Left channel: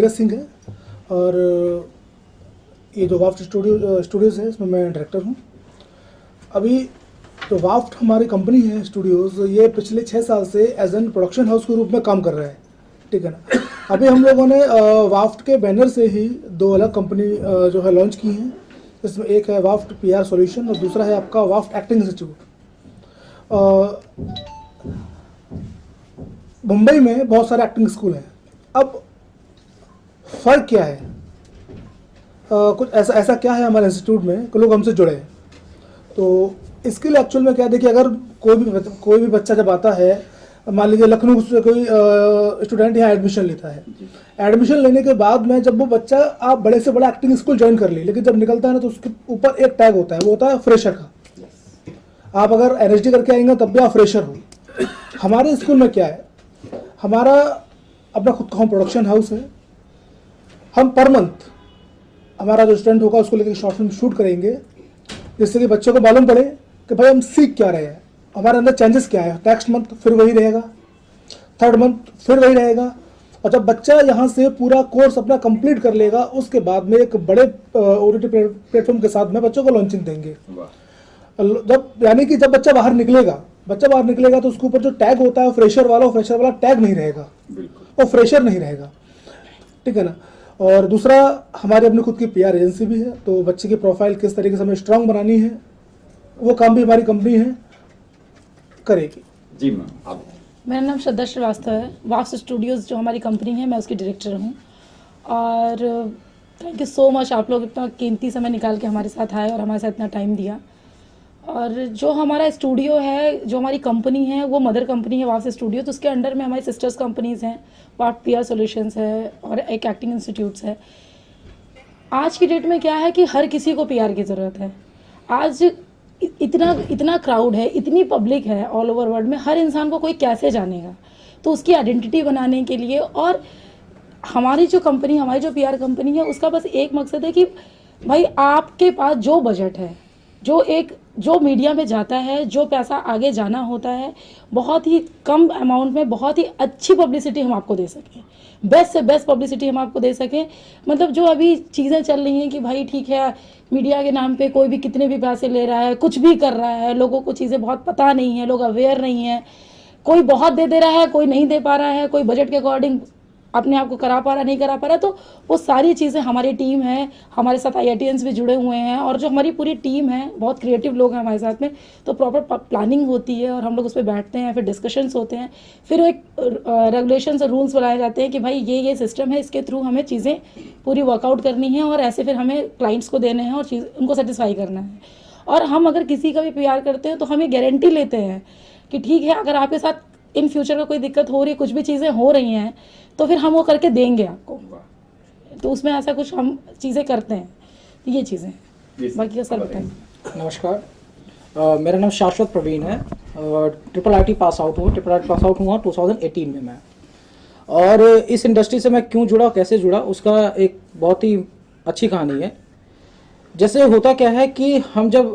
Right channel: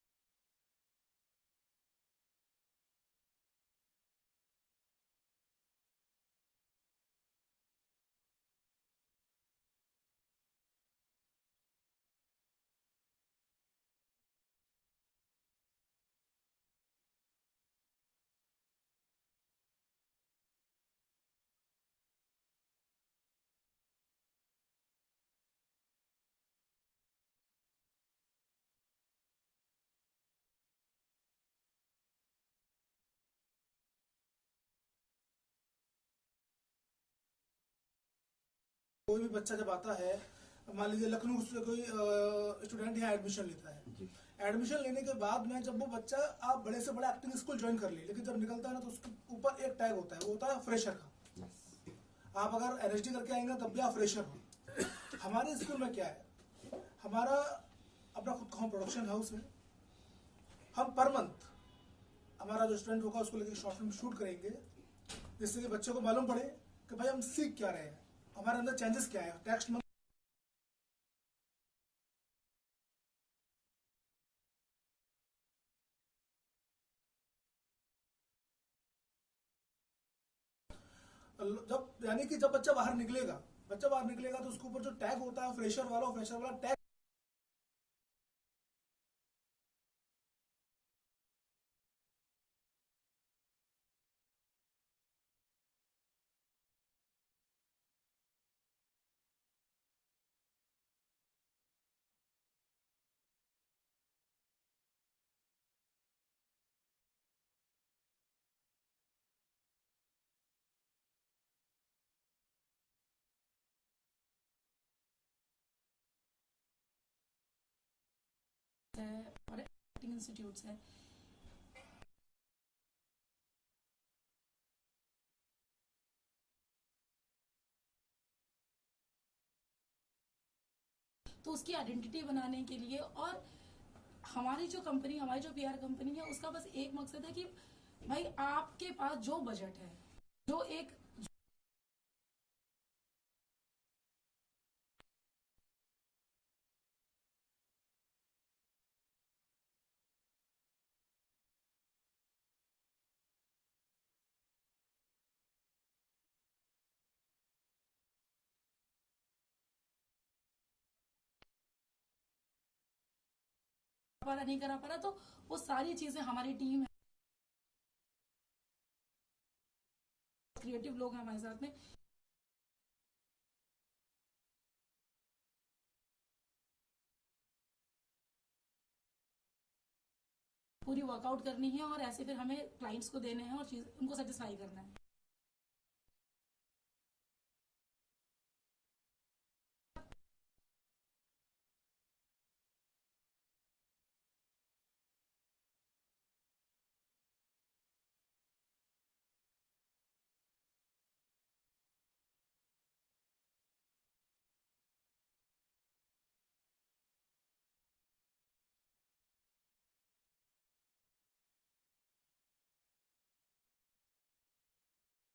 नीरज सिंह है और ये जो वाफ्ट स्टूडियोज़ है इसमें मैं डायरेक्टर हूँ। अभी जो वाफ्ट हमारी कंपनी है स्टूडियोज़, ये पिछले 6 साल से एज एन प्रोडक्शन हाउस के रूप में काम कर रहा है, ठीक है ना। अभी हम लोगों ने वाफ्ट के बैनर से ही 2 अलग कंपनी जो है लॉन्च की हैं। इसमें एक है वाफ्ट PR सॉल्यूशन और दूसरा है आपका वाफ्ट एक्टिंग इंस्टीट्यूट। मुंबई में बहुत सारे एक्टिंग स्कूल हैं। अब फ़र्क क्या है, कुछ ऐसा क्या है हमारे इंस्टीट्यूट में कि लोग हमसे जुड़े हैं। तो इसके लिए एक्चुअल में क्या, देखिए, अगर कोई भी बच्चा जब आता है, मान लीजिए लखनऊ से कोई स्टूडेंट यहाँ एडमिशन लेता है, एडमिशन लेने के बाद में जब वो बच्चा आप बड़े से बड़ा एक्टिंग स्कूल ज्वाइन कर ली, लेकिन जब निकलता है ना तो उसके ऊपर एक टैग होता है, वो होता है फ्रेशर का। आप अगर NSD करके आएंगे तब भी आप फ्रेशर हो। हमारे स्कूल में क्या है, हमारा अपना खुद का होम प्रोडक्शन हाउस है। हम पर मंथ हमारा जो स्टूडेंट होगा उसको लेकर शॉर्ट फिल्म शूट करेंगे, जिससे कि बच्चों को मालूम पड़े कि भाई हम सीख क्या रहे हैं, हमारे अंदर चेंजेस क्या है। नेक्स्ट मंथ फिर वही रहेगा, थर्ड मंथ फिर वही रहेगा। और जब बच्चा यहाँ से पूरा कोर्स अपना कंप्लीट कर लेगा, उसके बाद में एक बड़े OTT प्लेटफॉर्म के साथ में बच्चों को लॉन्चिंग देंगे। यानी कि जब बच्चा बाहर निकलेगा तो उसके ऊपर जो टैग होता है फ्रेशर वाला टैग नहीं रहेगा, वो फ्रेशर नहीं रहेगा, ठीक है ना। और दूसरा, हमारी अपनी खुद की PR एजेंसी भी है, तो बच्चे की प्रोफाइल किस तरीके से हमें स्ट्रांग बनानी है, वो काम भी हमारी कंपनी है करेगी। जी मैम, आप। मेरा नाम श्रद्धा श्रीवास्तव है। वाफ्ट स्टूडियोज़ जो हमारी कंपनी है, मैं उसकी डायरेक्टर हूँ। और थैंक यू सो मच, आप लोग इतना कीमती समय निकाल के हमारे साथ आए और हमारे साथ इतना टाइम दिया। और जो हमारा स्टूडियो है, जो हमारी कंपनी है, वो मदर कंपनी है वाफ्ट स्टूडियो, तो उसके अंडर में हमारी सिस्टर्स कंपनीज़ हैं, वाफ्ट PR सॉल्यूशंस है और एक एक्टिंग इंस्टीट्यूट्स है। आज की डेट में क्या है कि हर किसी को PR की ज़रूरत है। आज इतना क्राउड है, इतनी पब्लिक है ऑल ओवर वर्ल्ड में, हर इंसान को कोई कैसे जानेगा। तो उसकी आइडेंटिटी बनाने के लिए, और हमारी जो PR कंपनी है, उसका बस एक मकसद है कि भाई आपके पास जो बजट है, जो मीडिया में जाता है, जो पैसा आगे जाना होता है, बहुत ही कम अमाउंट में बहुत ही अच्छी पब्लिसिटी हम आपको दे सकें, बेस्ट से बेस्ट पब्लिसिटी हम आपको दे सकें। मतलब जो अभी चीज़ें चल रही हैं कि भाई ठीक है, मीडिया के नाम पे कोई भी कितने भी पैसे ले रहा है, कुछ भी कर रहा है, लोगों को चीज़ें बहुत पता नहीं है, लोग अवेयर नहीं है, कोई बहुत दे रहा है, कोई नहीं दे पा रहा है, कोई बजट के अकॉर्डिंग अपने आप को करा पा रहा नहीं करा पा रहा। तो वो सारी चीज़ें, हमारी टीम है, हमारे साथ IITians भी जुड़े हुए हैं, और जो हमारी पूरी टीम है, बहुत क्रिएटिव लोग हैं हमारे साथ में। तो प्रॉपर प्लानिंग होती है और हम लोग उस पर बैठते हैं, फिर डिस्कशंस होते हैं, फिर एक रेगुलेशंस और रूल्स बनाए जाते हैं कि भाई ये सिस्टम है, इसके थ्रू हमें चीज़ें पूरी वर्कआउट करनी है, और ऐसे फिर हमें क्लाइंट्स को देने हैं और उनको सेटिस्फाई करना है। और हम अगर किसी का भी PR करते हैं तो हम ये गारंटी लेते हैं कि ठीक है, अगर आपके साथ इन फ्यूचर में कोई दिक्कत हो रही है, कुछ भी चीज़ें हो रही हैं, तो फिर हम वो करके देंगे आपको। तो उसमें ऐसा कुछ हम चीज़ें करते हैं, तो ये चीज़ें। बाकी का सर बताएं। नमस्कार, मेरा नाम शाश्वत प्रवीण है और IIIT पास आउट हुआ 2018 में मैं। और इस इंडस्ट्री से मैं क्यों जुड़ा, कैसे जुड़ा, उसका एक बहुत ही अच्छी कहानी है। जैसे होता क्या है कि हम जब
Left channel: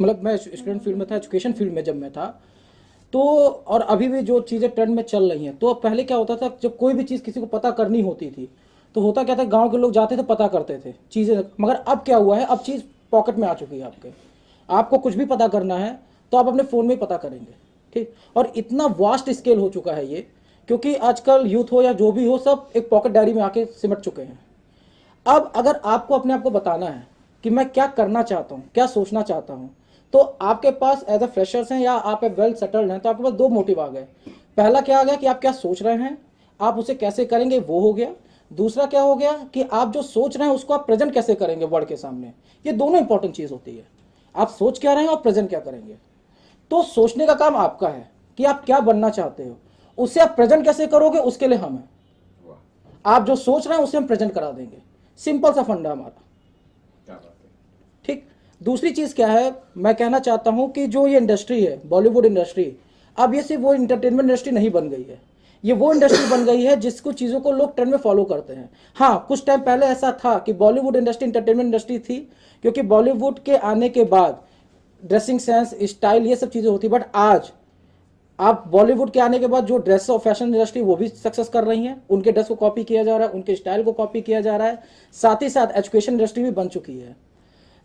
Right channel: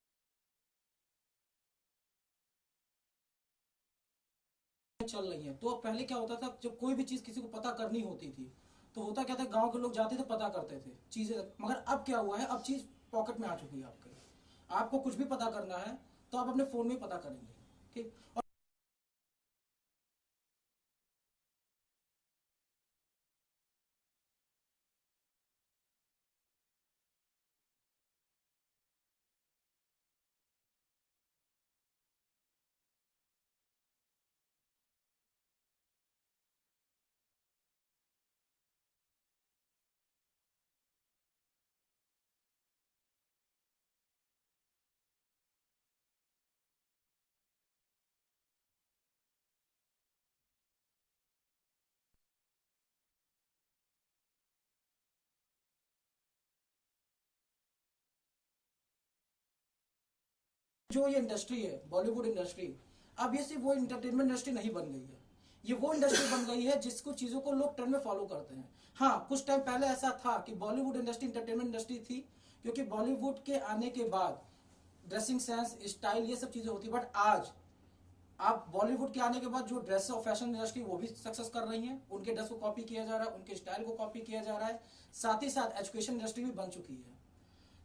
मतलब मैं स्टूडेंट फील्ड में था, एजुकेशन फील्ड में जब मैं था, तो और अभी भी जो चीज़ें ट्रेंड में चल रही हैं, तो पहले क्या होता था, जब कोई भी चीज़ किसी को पता करनी होती थी तो होता क्या था, गांव के लोग जाते थे, पता करते थे चीज़ें। मगर अब क्या हुआ है, अब चीज़ पॉकेट में आ चुकी है आपके। आपको कुछ भी पता करना है तो आप अपने फ़ोन में ही पता करेंगे, ठीक। और इतना वास्ट स्केल हो चुका है ये, क्योंकि आजकल यूथ हो या जो भी हो, सब एक पॉकेट डायरी में आके सिमट चुके हैं। अब अगर आपको अपने आप को बताना है कि मैं क्या करना चाहता हूँ, क्या सोचना चाहता हूँ, तो आपके पास एज अ फ्रेशर्स हैं या आप वेल सेटल्ड हैं, तो आपके पास 2 मोटिव आ गए। पहला क्या आ गया कि आप क्या सोच रहे हैं, आप उसे कैसे करेंगे, वो हो गया। दूसरा क्या हो गया कि आप जो सोच रहे हैं उसको आप प्रेजेंट कैसे करेंगे वर्ल्ड के सामने। ये दोनों इंपॉर्टेंट चीज़ होती है, आप सोच क्या रहे हैं और प्रेजेंट क्या करेंगे। तो सोचने का काम आपका है कि आप क्या बनना चाहते हो, उससे आप प्रेजेंट कैसे करोगे, उसके लिए हम हैं। आप जो सोच रहे हैं उसे हम प्रेजेंट करा देंगे, सिंपल सा फंडा हमारा, ठीक। दूसरी चीज़ क्या है, मैं कहना चाहता हूं कि जो ये इंडस्ट्री है, बॉलीवुड इंडस्ट्री, अब ये सिर्फ वो इंटरटेनमेंट इंडस्ट्री नहीं बन गई है, ये वो इंडस्ट्री बन गई है जिसको चीज़ों को लोग ट्रेंड में फॉलो करते हैं। हाँ, कुछ टाइम पहले ऐसा था कि बॉलीवुड इंडस्ट्री इंटरटेनमेंट इंडस्ट्री थी, क्योंकि बॉलीवुड के आने के बाद ड्रेसिंग सेंस, स्टाइल, ये सब चीज़ें होती, बट आज आप बॉलीवुड के आने के बाद जो ड्रेस और फैशन इंडस्ट्री वो भी सक्सेस कर रही है, उनके ड्रेस को कॉपी किया जा रहा है, उनके स्टाइल को कॉपी किया जा रहा है, साथ ही साथ एजुकेशन इंडस्ट्री भी बन चुकी है।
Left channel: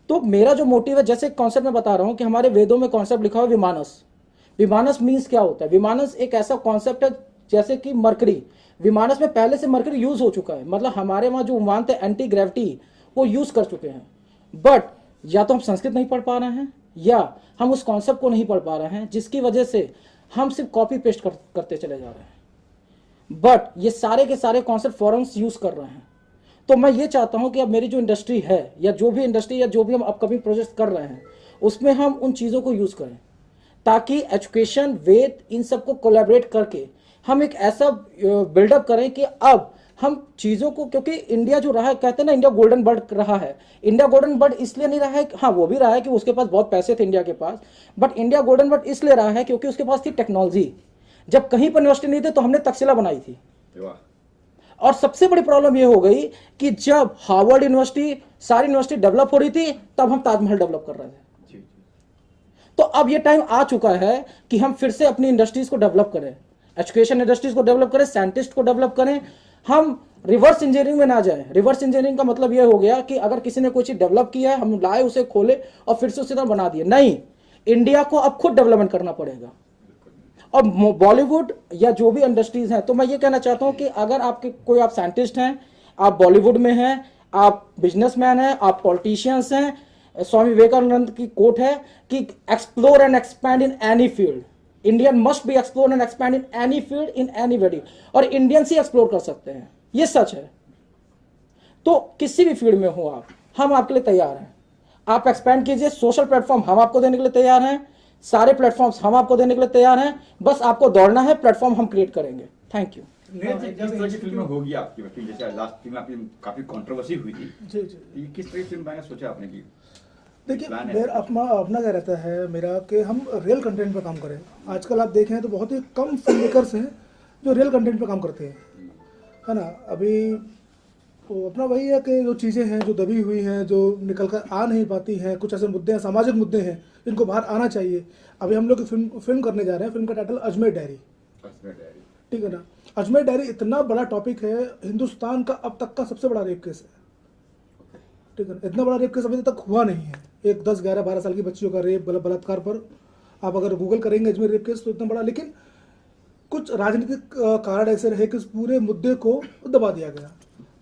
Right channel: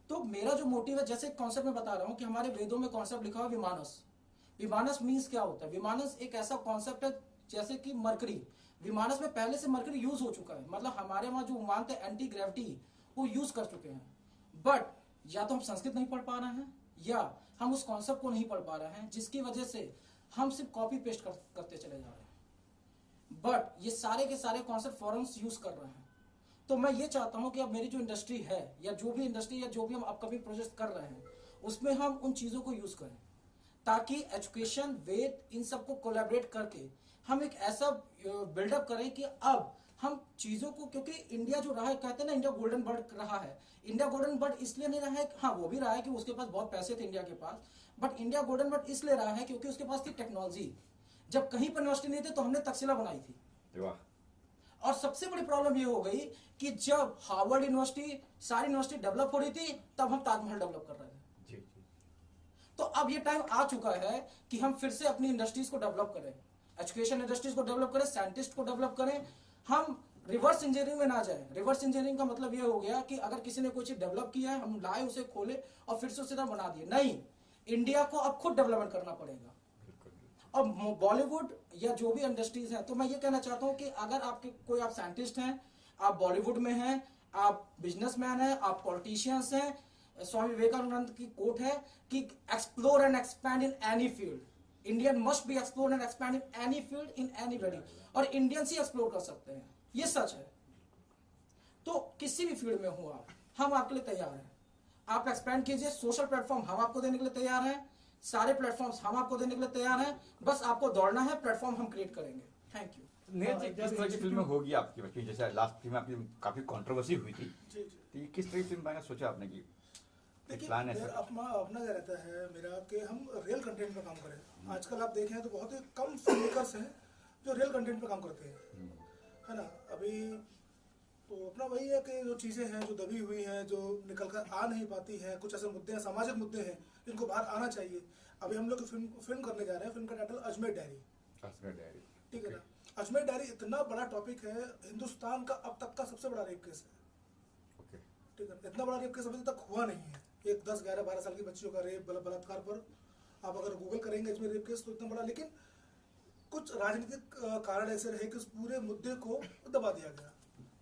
तो मेरा जो मोटिव है, जैसे कॉन्सेप्ट मैं बता रहा हूं कि हमारे वेदों में कॉन्सेप्ट लिखा हुआ है विमानस। विमानस मीन्स क्या होता है? विमानस एक ऐसा कॉन्सेप्ट है जैसे कि मरकरी, विमानस में पहले से मरकरी यूज हो चुका है, मतलब हमारे वहां जो विमान थे एंटी ग्रेविटी वो यूज कर चुके हैं। बट या तो हम संस्कृत नहीं पढ़ पा रहे हैं या हम उस कॉन्सेप्ट को नहीं पढ़ पा रहे हैं, जिसकी वजह से हम सिर्फ कॉपी पेस्ट करते चले जा रहे हैं। बट ये सारे के सारे कॉन्सेप्ट फॉरेन्स यूज कर रहे हैं। तो मैं ये चाहता हूं कि अब मेरी जो इंडस्ट्री है या जो भी इंडस्ट्री या जो भी हम अपकमिंग प्रोजेक्ट कर रहे हैं उसमें हम उन चीज़ों को यूज़ करें, ताकि एजुकेशन, वेद, इन सबको कोलैबोरेट करके हम एक ऐसा बिल्डअप करें कि अब हम चीज़ों को, क्योंकि इंडिया जो रहा है, कहते हैं ना इंडिया गोल्डन बर्ड रहा है। इंडिया गोल्डन बर्ड इसलिए नहीं रहा है, हाँ वो भी रहा है कि उसके पास बहुत पैसे थे इंडिया के पास, बट इंडिया गोल्डन बर्ड इसलिए रहा है क्योंकि उसके पास थी टेक्नोलॉजी। जब कहीं पर यूनिवर्सिटी नहीं थे तो हमने तक्षशिला बनाई थी। और सबसे बड़ी प्रॉब्लम यह हो गई कि जब हार्वर्ड यूनिवर्सिटी, सारी यूनिवर्सिटी डेवलप हो रही थी, तब हम ताजमहल डेवलप कर रहे थे। तो अब ये टाइम आ चुका है कि हम फिर से अपनी इंडस्ट्रीज को डेवलप करें, एजुकेशन इंडस्ट्रीज को डेवलप करें, साइंटिस्ट को डेवलप करें। हम रिवर्स इंजीनियरिंग में ना जाए। रिवर्स इंजीनियरिंग का मतलब यह हो गया कि अगर किसी ने कोई चीज डेवलप किया है, हम लाए उसे, खोले और फिर से उसी तरह बना दिए। नहीं, इंडिया को अब खुद डेवलपमेंट करना पड़ेगा। और बॉलीवुड या जो भी इंडस्ट्रीज हैं, तो मैं ये कहना चाहता हूं कि अगर आपके कोई, आप साइंटिस्ट हैं, आप बॉलीवुड में हैं, आप बिजनेसमैन हैं, आप पॉलिटिशियंस हैं, स्वामी विवेकानंद की कोट है कि explore and expand in any field, Indian must be explore and expand in any field in anybody. और इंडियंस ही एक्सप्लोर कर सकते हैं, ये सच है। तो किसी भी फील्ड में हो आप, हम आपके लिए तैयार हैं। आप एक्सपैंड कीजिए, सोशल प्लेटफॉर्म हम आपको देने के लिए तैयार हैं, सारे प्लेटफॉर्म्स हम आपको देने के लिए तैयार हैं, बस आपको दौड़ना है, प्लेटफॉर्म हम क्रिएट करेंगे। Thank you. किस तरह की फिल्म होगी आपकी? जैसे लास्ट फिल्म आपकी काफी कंट्रोवर्सी हुई थी, जी जी। ये किस तरह की फिल्म बनाना सोचा आपने? की देखिए, प्लान है मेरा अपना अपना क्या रहता है मेरा, कि हम रियल कंटेंट पर काम करें। आजकल आप देखें तो बहुत ही कम फिल्म मेकर्स हैं जो रियल कंटेंट पर काम करते हैं, है ना। अभी तो अपना वही है कि जो चीज़ें हैं जो दबी हुई हैं, जो निकल कर आ नहीं पाती हैं, कुछ ऐसे मुद्दे हैं, सामाजिक मुद्दे हैं, इनको बाहर आना चाहिए। अभी हम लोग फिल्म करने जा रहे हैं, फिल्म का टाइटल अजमेर डायरी, ठीक है ना। अजमेर डायरी इतना बड़ा टॉपिक है, हिंदुस्तान का अब तक का सबसे बड़ा रेप केस है, ठीक है। इतना बड़ा रेप केस अभी तक हुआ नहीं है। एक 10, 11, 12 साल की बच्चियों का रेप, बलात्कार पर आप अगर गूगल करेंगे अजमेर रेप केस तो इतना बड़ा, लेकिन कुछ राजनीतिक कारण ऐसे रहे कि उस पूरे मुद्दे को दबा दिया गया।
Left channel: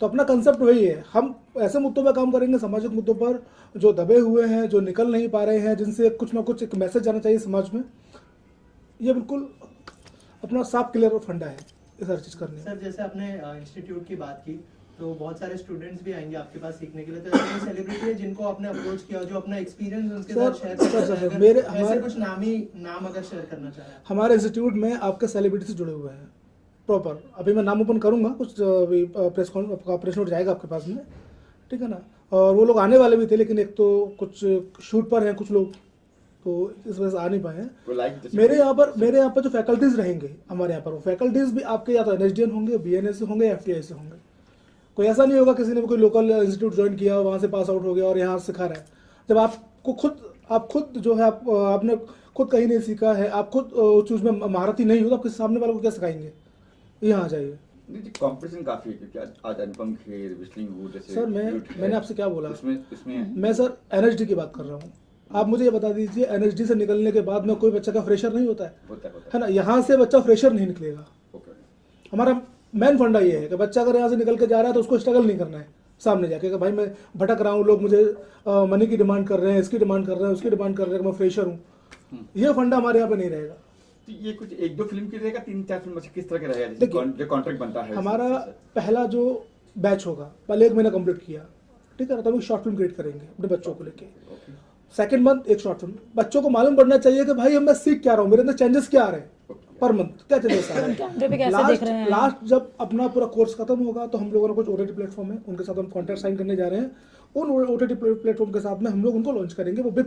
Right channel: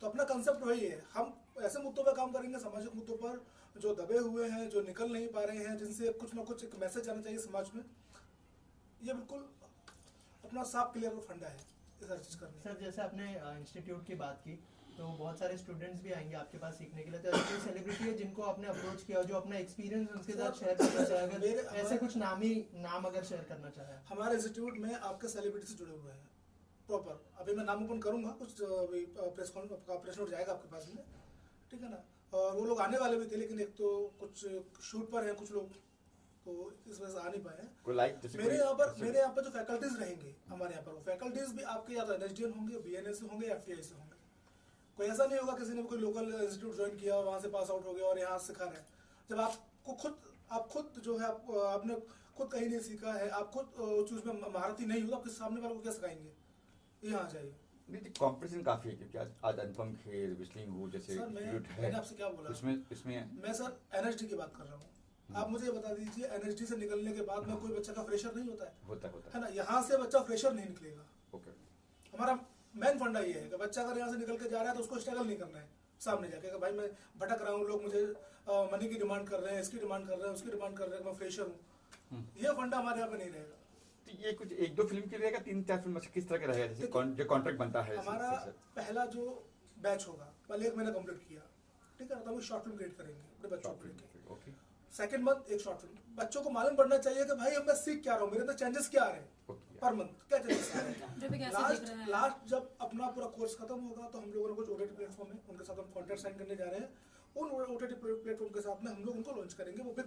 तो अपना कंसेप्ट वही है, हम ऐसे मुद्दों पर काम करेंगे, सामाजिक मुद्दों पर जो दबे हुए हैं, जो निकल नहीं पा रहे हैं, जिनसे कुछ ना कुछ एक मैसेज जाना चाहिए समाज में। ये बिल्कुल अपना साफ क्लियर फंडा है इस हर चीज़ करने। सर, जैसे आपने इंस्टीट्यूट की बात की, तो बहुत सारे स्टूडेंट्स भी आएंगे आपके पास सीखने के लिए, तो ऐसे सेलिब्रिटी है जिनको आपने अप्रोच किया, जो अपना एक्सपीरियंस उनके साथ शेयर करना मेरे ऐसे कुछ नाम अगर शेयर करना चाहें? हमारे इंस्टीट्यूट में आपके सेलिब्रिटी से जुड़े हुए हैं प्रॉपर। अभी मैं नाम ओपन करूंगा, कुछ अभी प्रेस नोट जाएगा आपके पास में, ठीक है ना। और वो लोग आने वाले भी थे, लेकिन एक तो कुछ शूट पर हैं कुछ लोग, तो इस वजह से आ नहीं पाए हैं। मेरे यहाँ पर जो फैकल्टीज रहेंगे हमारे यहाँ पर, वो फैकल्टीज भी आपके या तो NSDN होंगे, BNA से होंगे, FTI से होंगे। कोई ऐसा नहीं होगा किसी ने भी कोई लोकल इंस्टीट्यूट ज्वाइन किया, वहाँ से पास आउट हो गया और यहाँ सिखा रहा है। जब आप खुद जो है, आपने खुद कहीं नहीं सीखा है, आप खुद उस चीज़ में महारती नहीं हो, तो आप किसी सामने वाले को क्या सिखाएंगे? यहाँ आ जाइए। कंपटीशन काफी है, क्योंकि आज अनुपम खेर, विस्लिंग वुड जैसे। सर मैंने आपसे क्या बोला? इसमें मैं सर NSD की बात कर रहा हूँ। आप मुझे ये बता दीजिए, NSD से निकलने के बाद में कोई बच्चा का फ्रेशर नहीं होता है ना। यहाँ से बच्चा फ्रेशर नहीं निकलेगा। हमारा मेन फंडा ये है कि बच्चा अगर यहाँ से निकल के जा रहा है तो उसको स्ट्रगल नहीं करना है सामने जाके कि भाई मैं भटक रहा हूँ, लोग मुझे मनी की डिमांड कर रहे हैं, इसकी डिमांड कर रहे हैं, उसकी डिमांड कर रहे हैं, मैं फ्रेशर हूँ। ये फंडा हमारे यहाँ पे नहीं रहेगा। तो ये कुछ 1-2 फिल्म की रहेगा, 3-4 फिल्म किस तरह का रहेगा जो कॉन्ट्रैक्ट बनता है? हमारा पहला जो बैच होगा, पहले 1 महीना कंप्लीट किया, ठीक है ना, तो हम एक शॉर्ट फिल्म क्रिएट करेंगे अपने बच्चों को लेके। सेकंड मंथ एक शॉर्ट फिल्म। बच्चों को मालूम पड़ना चाहिए कि भाई मैं सीख क्या रहा हूँ, मेरे अंदर चेंजेस क्या आ रहे हैं, पर मंथ क्या चेंजेस आ रहे हैं। लास्ट जब अपना पूरा कोर्स खत्म होगा तो हम लोगों ने कुछ OTT प्लेटफॉर्म है, उनके साथ हम कॉन्ट्रैक्ट साइन करने जा रहे हैं। उन OTT प्लेटफॉर्म के साथ में हम लोग उनको लॉन्च करेंगे। वो बिग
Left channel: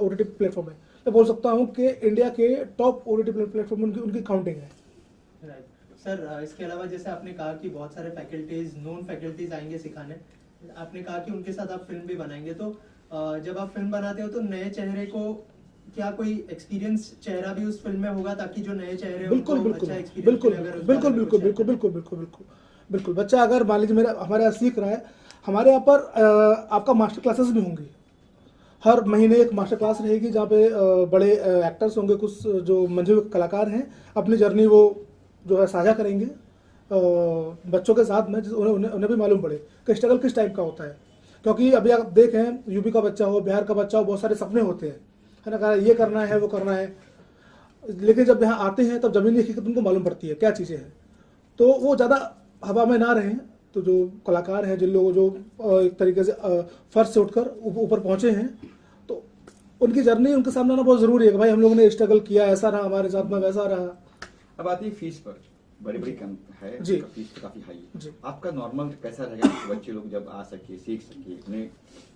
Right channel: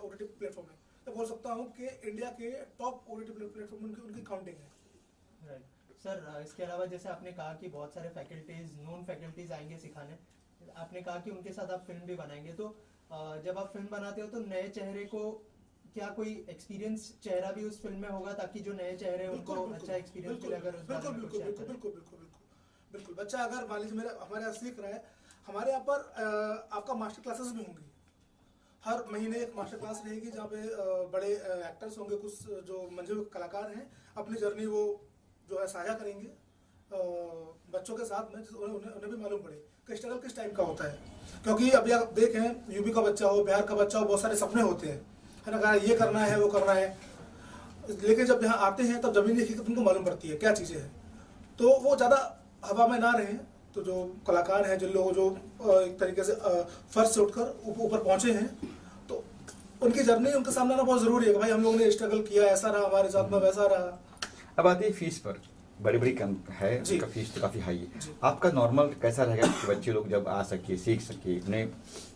OTT प्लेटफॉर्म है, मैं बोल सकता हूँ कि इंडिया के टॉप OTT प्लेटफॉर्म उनकी काउंटिंग है। सर, इसके अलावा जैसे आपने कहा कि बहुत सारे फैकल्टीज, नॉन फैकल्टीज आएंगे सिखाने, आपने कहा कि उनके साथ आप फिल्म भी बनाएंगे, तो जब आप फिल्म बनाते हो तो नए चेहरे को क्या कोई एक्सपीरियंस चेहरा भी उस फिल्म में होगा ताकि जो नए चेहरे बिल्कुल उनको बिल्कुल अच्छा experience बिल्कुल मिले अगर उस बिल्कुल बारे में बिल्कुल कुछ बिल्कुल है? बिल्कुल बिल्कुल बिल्कुल बिल्कुल बच्चा अगर मान लीजिए मेरा हमारे यहाँ सीख रहा है, हमारे यहाँ पर आपका मास्टर क्लासेस भी होंगी। हर महीने एक मास्टर क्लास रहेगी जहाँ पे बड़े एक्टर्स होंगे, कुछ जो मंझे हुए कलाकार हैं, अपनी जर्नी वो जो है साझा करेंगे बच्चों के साथ में, उन्हें भी मालूम पड़े कि स्ट्रगल किस टाइप का होता है। क्योंकि अभी आप देखें, यूपी का बच्चा हो, बिहार का बच्चा हो, बहुत सारे सपने होते हैं, है ना, कहा ये करना है वो करना है, लेकिन जब यहाँ आते हैं तब जमीनी हकीकत उनको मालूम पड़ती है क्या चीज़ें हैं। तो वो ज़्यादा हवा में ना रहें, तो जो कलाकार हैं, जिन लोगों जो एक तरीके से फर्श से उठकर ऊपर पहुँचे हैं, तो उनकी जर्नी उनके सामने आना बहुत ज़रूरी है कि भाई हम लोगों ने स्ट्रगल किया, ऐसा रहा हमारे साथ में, वैसा रहा। अब आती है फीस पर, बड़ी बड़ी कम है, जी। उसका फीस तो काफ़ी हाई है। जी। आपका नॉर्मल कैसा रहेगा कि बच्चे लोग जब आ सके, सीख सके, उन्हें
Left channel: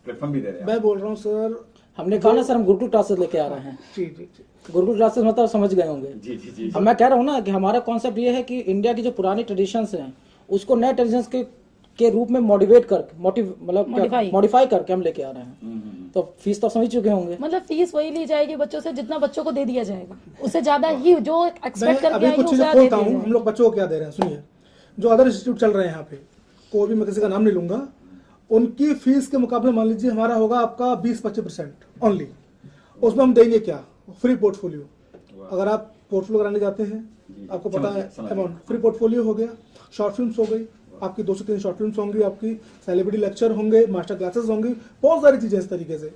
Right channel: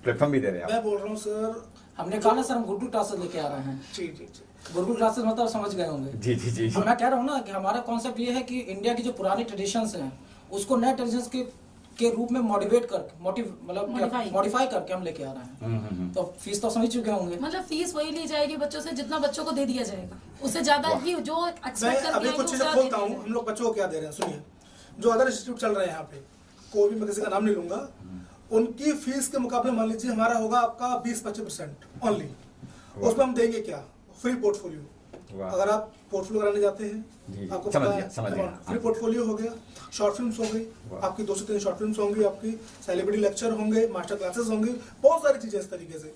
प्लेटफॉर्म भी दे रहे हैं मैं आप? बोल रहा हूँ सर, हमने कहा ना सर, हम गुरुकुल क्लासेस लेके आ रहे हैं। जी जी जी, गुरुकुल क्लासेस मतलब समझ गए होंगे। जी जी जी अब मैं कह रहा हूँ ना कि हमारा कॉन्सेप्ट ये है कि इंडिया की जो पुरानी ट्रेडिशंस हैं उसको नए ट्रेडिशंस के रूप में मोटिवेट करके मॉडिफाई करके हम लेके आ रहे हैं। तो फीस तो समझ चुके होंगे। मतलब फीस वही ली जाएगी बच्चों से जितना बच्चों को दे दिया जाएगा, उससे ज्यादा ही जो मैं एक्सपेक्ट करके अभी आएंगे कुछ उससे चीज़ें ज्यादा दे खोलता दिया हूँ, हम जाएगा। लोग बच्चों को क्या दे रहे हैं सुनिए। जो अदर इंस्टीट्यूट चल रहे हैं यहाँ पे, कोई भी मैं किसी का नाम नहीं लूंगा, उनकी फीस के मुकाबले मान लीजिए हमारा होगा आपका 20-25% ओनली। उसमें हम देंगे क्या, फ्री पोर्टफोलियो। वाह। अगर आप पोर्टफोलियो कराने जाते हैं, जी, आपको समझ पता गया, है समझ अमाउंट, गया। फ्री पोर्टफोलियो हो गया, शॉर्ट फिल्म्स हो गई, आपकी 2 से 3 शॉर्ट फिल्म्स होंगी, आपकी सेलिब्रिटी लेक्चर होंगे, मास्टर क्लासेस होंगी, बहुत सारी चीजें इस तरीके से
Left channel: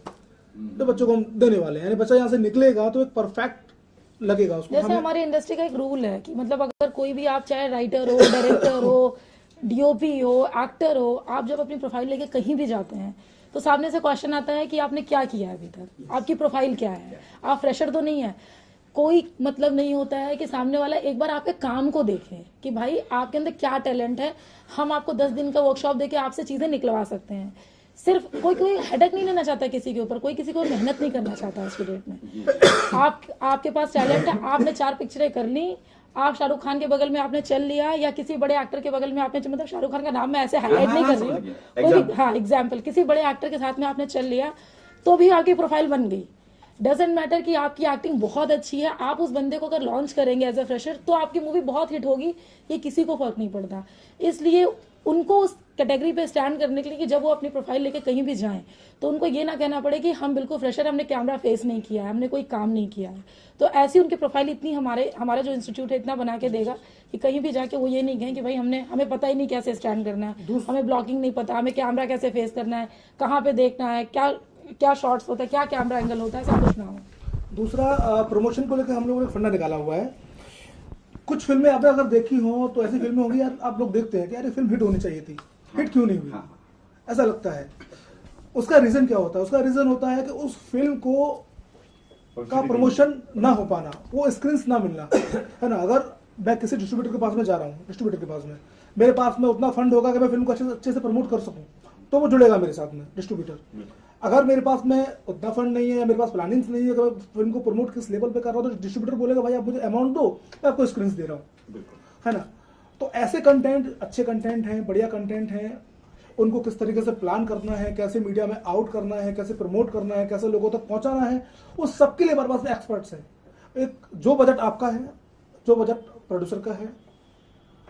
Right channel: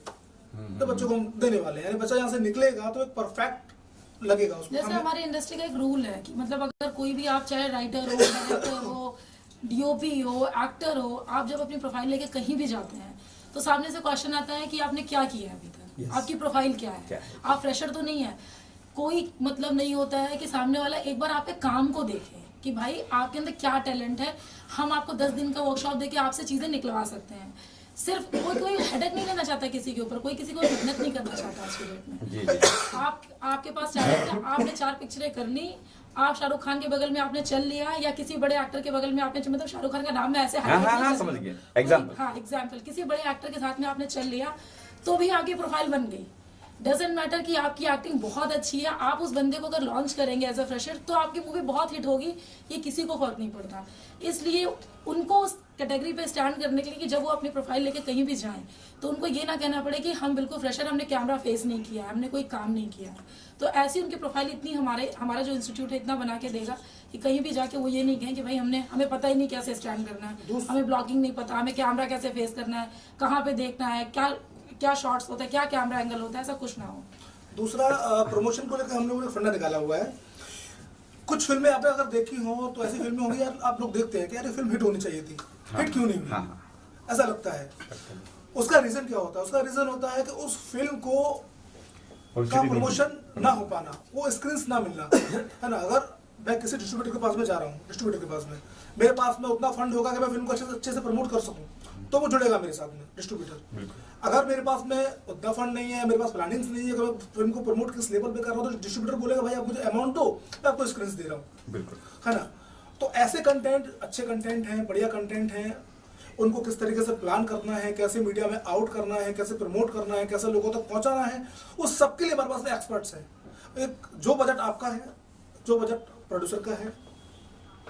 तो बच्चों को हम देने वाले हैं। यानी बच्चा यहाँ से निकलेगा तो एक परफेक्ट लगेगा उसको। जैसे हमें- हमारी इंडस्ट्री का एक रूल है कि मतलब अगर कोई भी आप चाहे राइटर हो, डायरेक्टर हो, डीओपी हो, एक्टर हो, आप जब अपनी प्रोफाइल लेके कहीं भी जाते हैं तो सामने से क्वेश्चन आता है कि आपने क्या किया है अभी तक, आपकी प्रोफाइल क्या है, आप फ्रेशर तो नहीं है। कोई मतलब नहीं होता है कि सामने वाला एक बार आपके काम को देखे कि भाई आपके अंदर क्या टैलेंट है, हम आपको 10 दिन का वर्कशॉप देके आपसे चीजें निकलवा सकते हैं। सिर्फ कोई हेडेक नहीं लेना चाहता किसी के ऊपर, कोई किसी को मेहनत नहीं करना चाहता आज की डेट में। जी जी आपके पास टैलेंट है, आपने 4 पिक्चरें कर ली, आप शाहरुख खान के बगल में आपने चल लिया, या किसी बड़े एक्टर के बगल में आपने, मतलब शाहरुख खान का नाम मैं ऐसे हाईलाइट हाँ, नहीं हाँ, कर समझ रही गया। हूँ, Example। हाँ एग्जाम्पल, किसी बड़े एक्टर के साथ में आपने चल लिया तो भी आपकी प्रोफाइल बन गई। डजेंट मैटर कि आपकी एक्टिंग बहुत अच्छी है, आप उस बंदे को अगर लॉन्च करेंगे एज अ फ्रेशर तो आपकी मूवी बहुत हिट होगी, ये किसी को फर्क नहीं पड़ता। इसलिए उनको उस कैटेगरी पे स्टैंड करने के लिए कि जब वो अपनी प्रोफाइल लेके कहीं भी जाएं तो उनको ये ना कहना पड़े कि हम बिल्कुल फ्रेशर, हमने कैमरा फेस नहीं किया है, हमने कोई काम नहीं किया है। तो ऐसी उनकी प्रोफाइल इतनी हमारा जो इंस्टीट्यूट है इतना बना के देगा कि कहीं भी जाके वो ये नहीं कहें कि भाई हमें पता ही नहीं कैसे स्टैंड करना है, हमें ब्लॉगिंग नहीं पता, हमें कैमरा कैसे फेस करना है, कहाँ पे देखना है, क्या शॉट्स होता है, क्या कैमरा एंगल होता है, सब कुछ ना हो। दूसरा प्रमोशन को लेकर हम लोगों ने फंडा निकाला हुआ है। कुछ फिल्में आपने अगर देखी हो तो ऐसी फिल्में होगी यार, आप लोग देखते हैं कि यार ये फिल्म हिट होनी चाहिए थी, हिट क्यों नहीं हुई, ऐसा लगता है। उसका रीजन क्या होता है? उसका रीजन होता है कि उस फिल्म को का प्रमोशन ना हो पाना, वो स्क्रीन्स ना मिलना, है ना। अगर मैं किसी डिस्ट्रीब्यूटर के पास में जा रहा हूँ, डिस्ट्रीब्यूटर के पास में मेरे पास में उतना फंड होगा कि मैं फिल्म को अच्छे से प्रमोट कर सकूँ, तो वो जुड़ेगा मेरे साथ में डिस्ट्रीब्यूटर। अगर मेरे पास में उतना फंड नहीं है, मेरे पास प्लानिंग्स नहीं है कि मैं फिल्म को प्रमोट किस लेवल पे कर रहा हूँ, तो डिस्ट्रीब्यूटर बोलेगा भाई आप मुझे अमाउंट दो, मैं आपको स्क्रीन्स दे रहा हूँ, है ना। तो ऐसे कंटेंट, अच्छे कंटेंट हैं, बढ़िया कंटेंट हैं, उनको किस तरीके से प्लान करना है, कैसे मीडिया में आउट करना है, कैसे प्रमोट करना है, कैसे लोगों तक पहुंचाना है, उस सबके लिए हमारे पास में एक्सपर्ट्स हैं। एक जो बजट आपका है, जो बजट प्रोड्यूसर का है,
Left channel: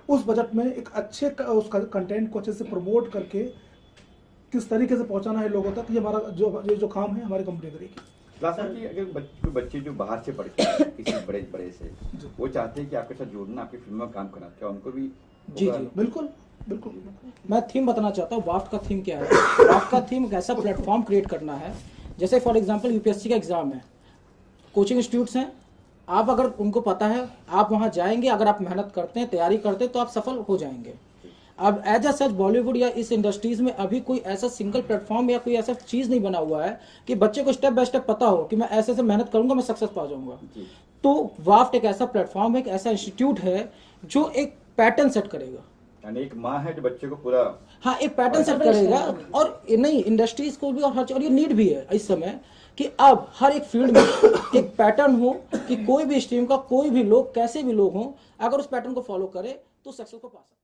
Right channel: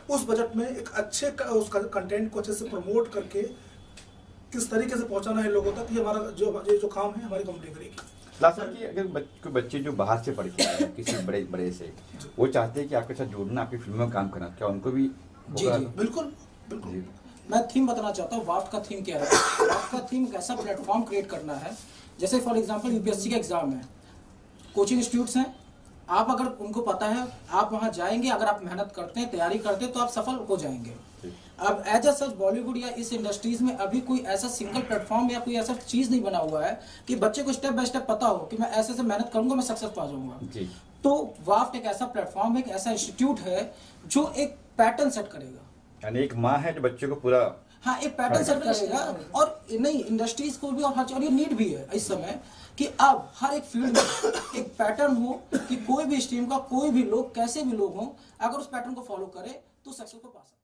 उस बजट में एक अच्छे उस कंटेंट को अच्छे से प्रमोट करके किस तरीके से पहुंचाना है लोगों तक, ये हमारा जो काम है हमारी कंपनी करेगी। लास्ट की अगर कोई बच्चे जो बाहर से पढ़ते हैं किसी बड़े से, वो चाहते हैं कि आपके साथ जुड़ना, आपकी फिल्मों में काम करना, क्या उनको भी जी होगा? जी बिल्कुल बिल्कुल। मैं थीम बताना चाहता हूँ। वाफ्ट का थीम क्या है? वाफ्ट का थीम एक ऐसा प्लेटफॉर्म क्रिएट करना है, जैसे फॉर एग्जांपल यूपीएससी का एग्जाम है, कोचिंग इंस्टीट्यूट्स हैं, आप अगर उनको पता है, आप वहां जाएंगे, अगर आप मेहनत करते हैं, तैयारी करते हैं, तो आप सफल हो जाएंगे। अब एज अ सच बॉलीवुड या इस इंडस्ट्रीज में अभी कोई ऐसा सिंगल प्लेटफॉर्म या कोई ऐसा चीज नहीं बना हुआ है कि बच्चे को स्टेप बाय स्टेप पता हो कि मैं ऐसे से मेहनत करूंगा, मैं सक्सेस पा जाऊंगा। तो वाफ्ट एक ऐसा प्लेटफॉर्म है, एक ऐसा इंस्टीट्यूट है जो एक पैटर्न सेट करेगा, यानी एक माँ है जो बच्चे को पूरा, हाँ एक पैटर्न सेट करेगा। और नहीं, इंडस्ट्रीज को भी और ये नीड भी है इस समय कि अब हर एक फील्ड में एक पैटर्न हो कि कोई भी स्ट्रीम का कोई भी लोग, कैसे भी लोग हों, अगर उस पैटर्न को फॉलो करे तो सक्सेस को पा सकते हैं।